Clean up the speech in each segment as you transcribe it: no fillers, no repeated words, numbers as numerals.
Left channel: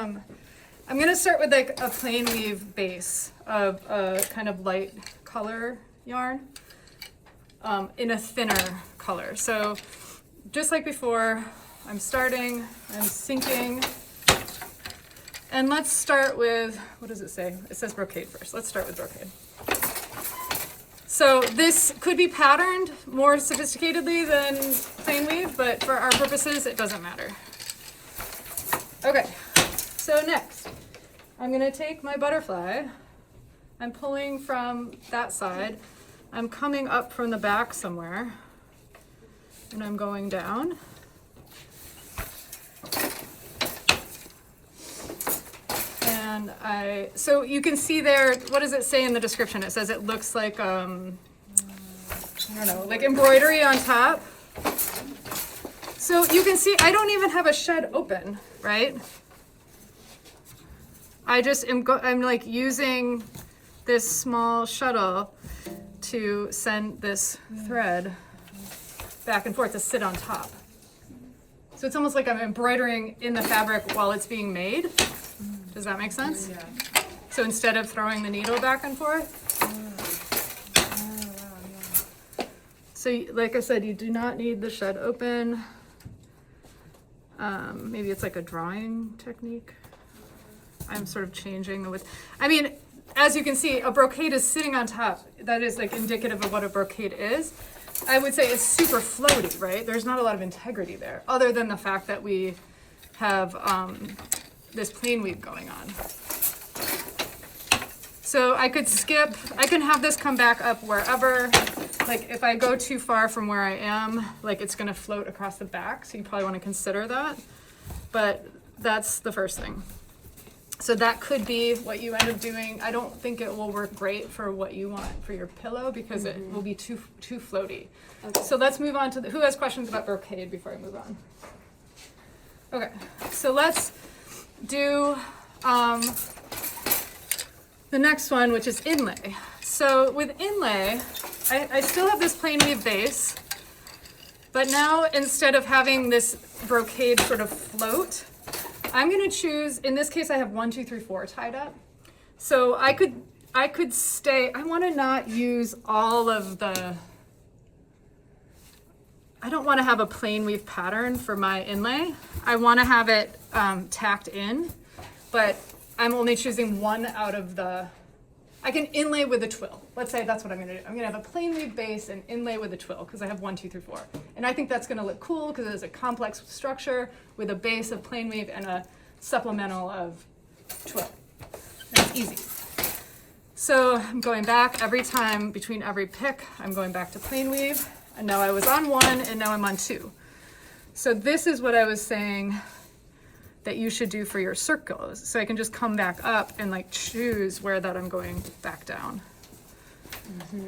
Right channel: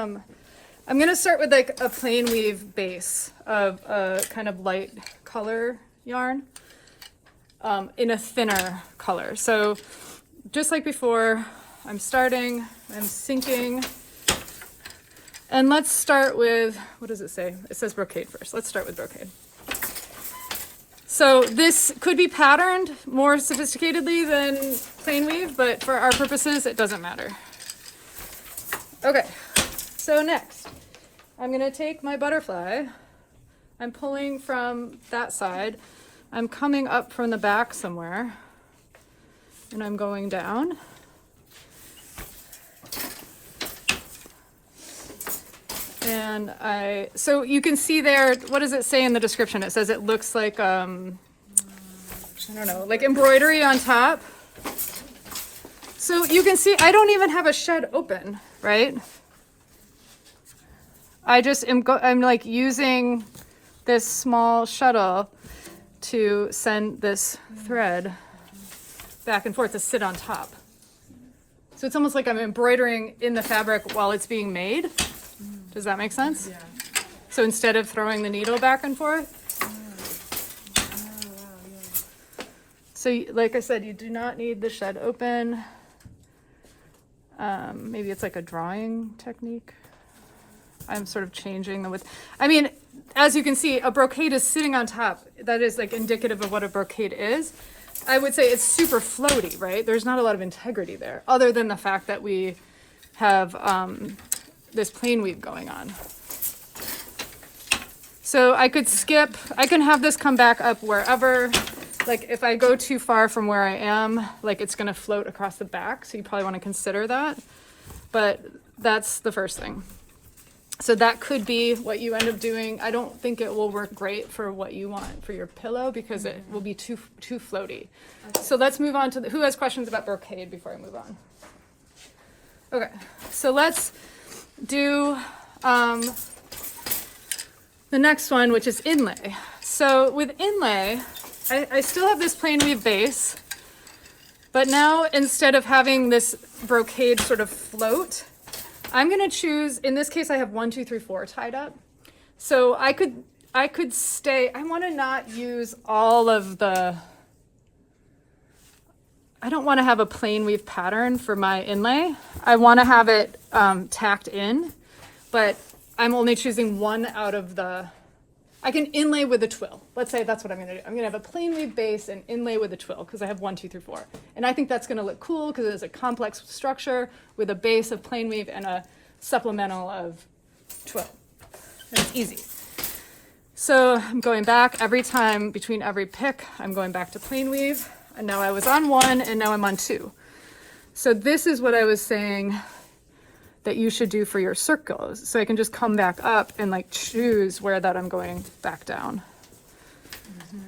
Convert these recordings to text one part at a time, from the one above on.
I'm gonna start with like a plain weave base of a kind of light color yarn in a thinner color. So just like before, I'm sinking. And let's start with, what does it say? It says brocade first. Let's start with brocade. So this could be patterned more sophisticatedly than plain weave, but for our purposes, it doesn't matter. Okay, so next, I'm gonna take my butterfly. I'm pulling from that side. I'm coming up from the back somewhere, and I'm going down. And so you can see there, what does it say in the description? It says it looks like, I don't know, like embroidery on top. So you can see, I don't even have a shed open, right? I'm like using this small shuttle to send this thread back and forth to sit on top. So it's almost like I'm embroidering in the fabric while it's being made. Does that make sense? Yeah. So instead of throwing the needle back and forth. So like I said, you do not need the shed open. Maybe it's like a drawing technique. I'm sort of changing the width. I mean, as you can see, a brocade is sitting on top. That is like indicative of what a brocade is. I would say it's super floaty, right? There's not a lot of integrity there, other than the fact that we have this plain weave going on. So I could skip, I can have this come back up wherever. Like if I go too far from where I am, like it's gonna float across the back, so you probably wanna consider that. But that's the first thing. So that could be what you end up doing. I don't think it will work great for what you want for your pillow because it will be too floaty. Okay. So let's move on to who has questions about brocade before I move on? Okay, so let's do the next one, which is inlay. So with inlay, I still have this plain weave base, but now instead of having this brocade sort of float, I'm gonna choose, in this case I have 1, 2, 3, 4 tied up. So I could stay, I wanna not use all of the, I don't wanna have a plain weave pattern for my inlay. I wanna have it tacked in, but I'm only choosing one out of the, I can inlay with a twill. Let's say that's what I'm gonna do. I'm gonna have a plain weave base and inlay with a twill because I have 1, 2, 3, 4. And I think that's gonna look cool because it's a complex structure with a base of plain weave and a supplemental of twill. It's easy. So I'm going back every time between every pick, I'm going back to plain weave. And now I was on 1 and now I'm on 2. So this is what I was saying that you should do for your circles. So I can just come back up and like choose where that I'm going back down.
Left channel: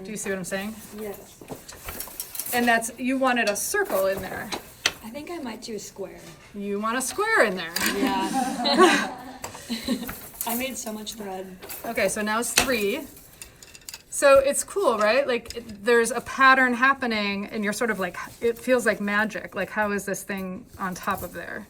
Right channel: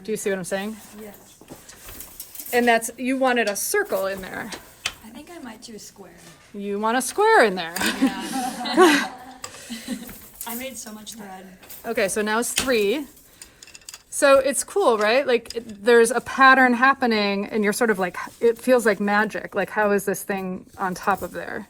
Do you see what I'm saying? Yes. And that's, you wanted a circle in there. I think I might do a square. You want a square in there. Yeah. I made so much thread. Okay, so now it's 3. So it's cool, right? Like there's a pattern happening and you're sort of like, it feels like magic. Like how is this thing on top of there?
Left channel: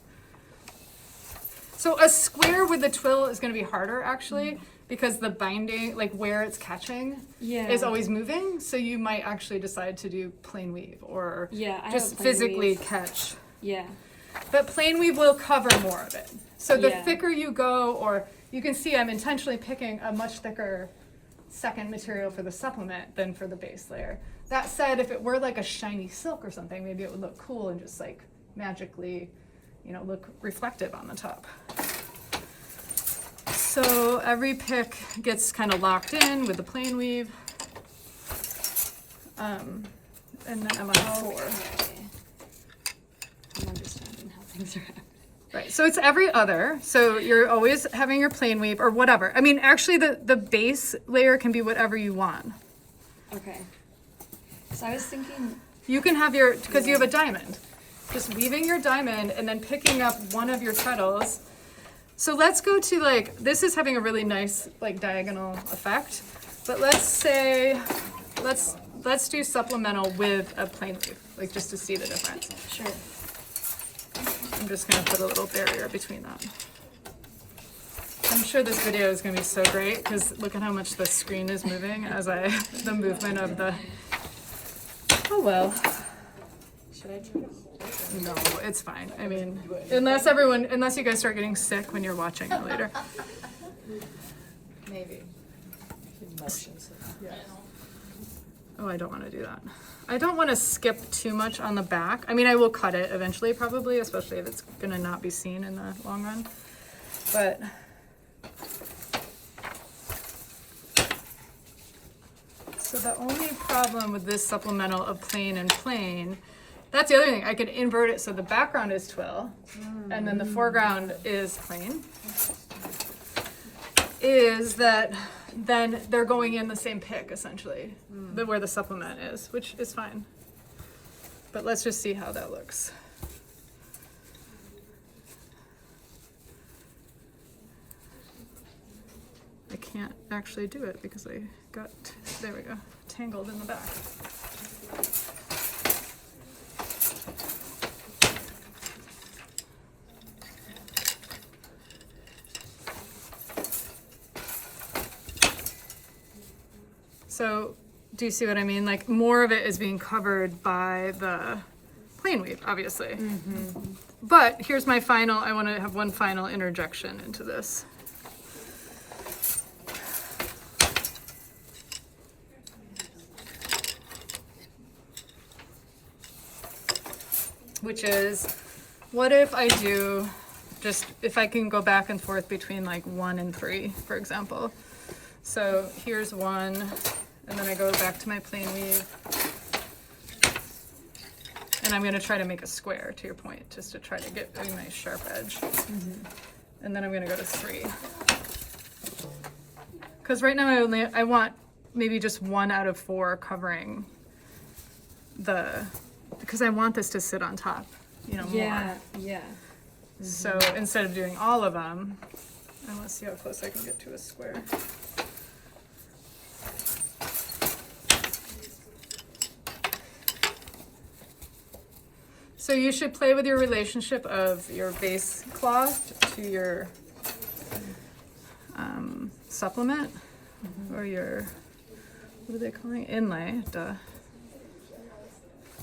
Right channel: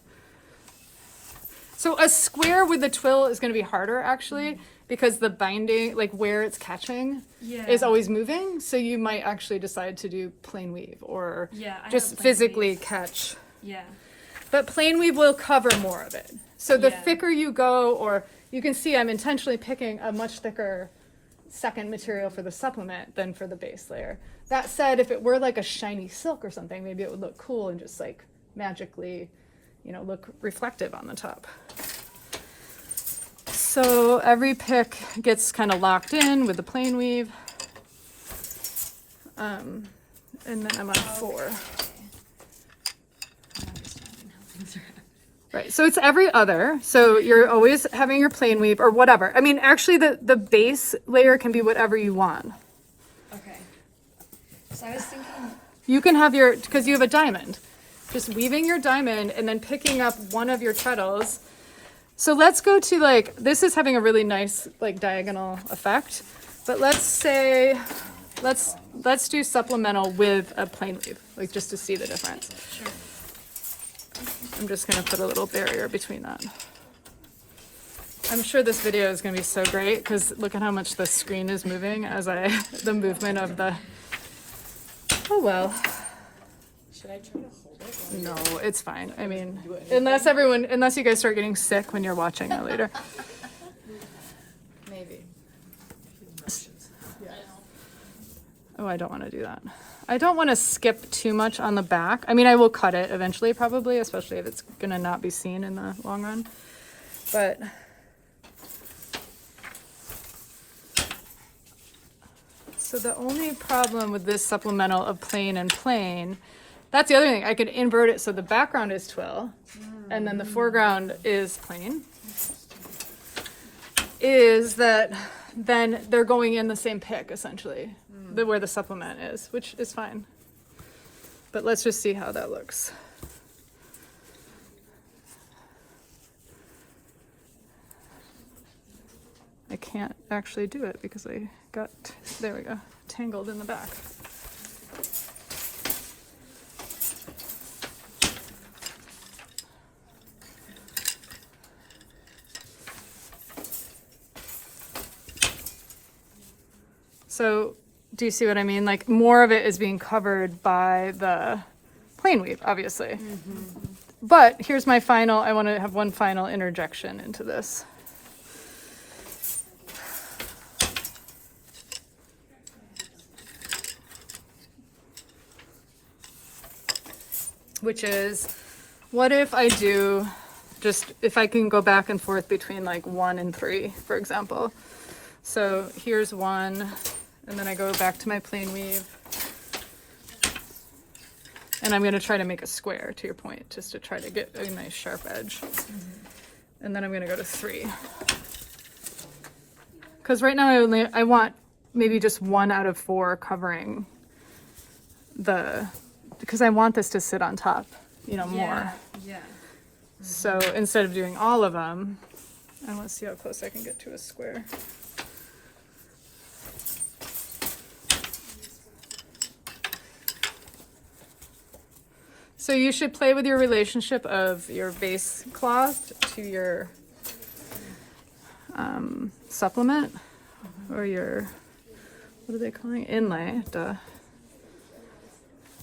So a square with the twill is going to be harder actually because the binding, like where it's catching is always moving. So you might actually decide to do plain weave or just physically catch. Yeah. But plain weave will cover more of it. So the thicker you go, or you can see I'm intentionally picking a much thicker second material for the supplement than for the base layer. That said, if it were like a shiny silk or something, maybe it would look cool and just like magically, you know, look reflective on the top. So every pick gets kind of locked in with the plain weave. And then I'm on 4. I'm understanding how things are happening. Right, so it's every other. So you're always having your plain weave or whatever. I mean, actually the base layer can be whatever you want. Okay. So I was thinking. You can have your, because you have a diamond. Just weaving your diamond and then picking up one of your treadles. So let's go to like, this is having a really nice like diagonal effect. But let's say, let's do supplemental with a plain weave, like just to see the difference. Sure. I'm just gonna put a little barrier between that. I'm sure this video is going to be so great because look at how much the screen is moving as the movement of the, oh well. Should I try to hold it? No, it's fine. I mean, unless you guys start getting sick when you're watching it later. Maybe. Motions. Oh, I don't want to do that. I don't want to skip too much on the back. I mean, I will cut it eventually probably, especially if it's going to not be seen in the long run. But so the only problem with this supplemental of plain and plain, that's the other thing. I could invert it so the background is twill and then the foreground is plain. Is that then they're going in the same pick essentially, where the supplement is, which is fine. But let's just see how that looks. I can't actually do it because I got, there we go, tangled in the back. So do you see what I mean? Like more of it is being covered by the plain weave, obviously. But here's my final, I want to have one final interjection into this. Which is, what if I do just, if I can go back and forth between like 1 and 3, for example. So here's 1, and then I go back to my plain weave. And I'm going to try to make a square, to your point, just to try to get a nice sharp edge. And then I'm going to go to 3. Because right now I want maybe just 1 out of 4 covering the, because I want this to sit on top, you know, more. Yeah. So instead of doing all of them, and let's see how close I can get to a square. So you should play with your relationship of your base cloth to your supplement, or your, what are they calling it? Inlay, duh.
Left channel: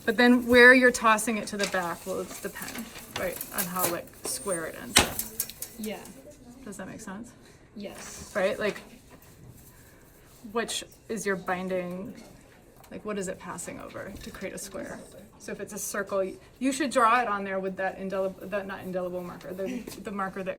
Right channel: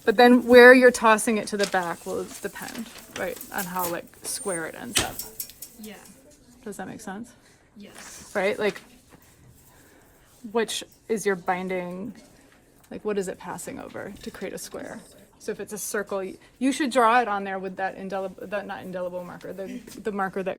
But then where you're tossing it to the back will depend, right, on how like square it ends up. Yeah. Does that make sense? Yes. Right, like which is your binding, like what is it passing over to create a square? So if it's a circle, you should draw it on there with that indelible, that not indelible marker, the marker that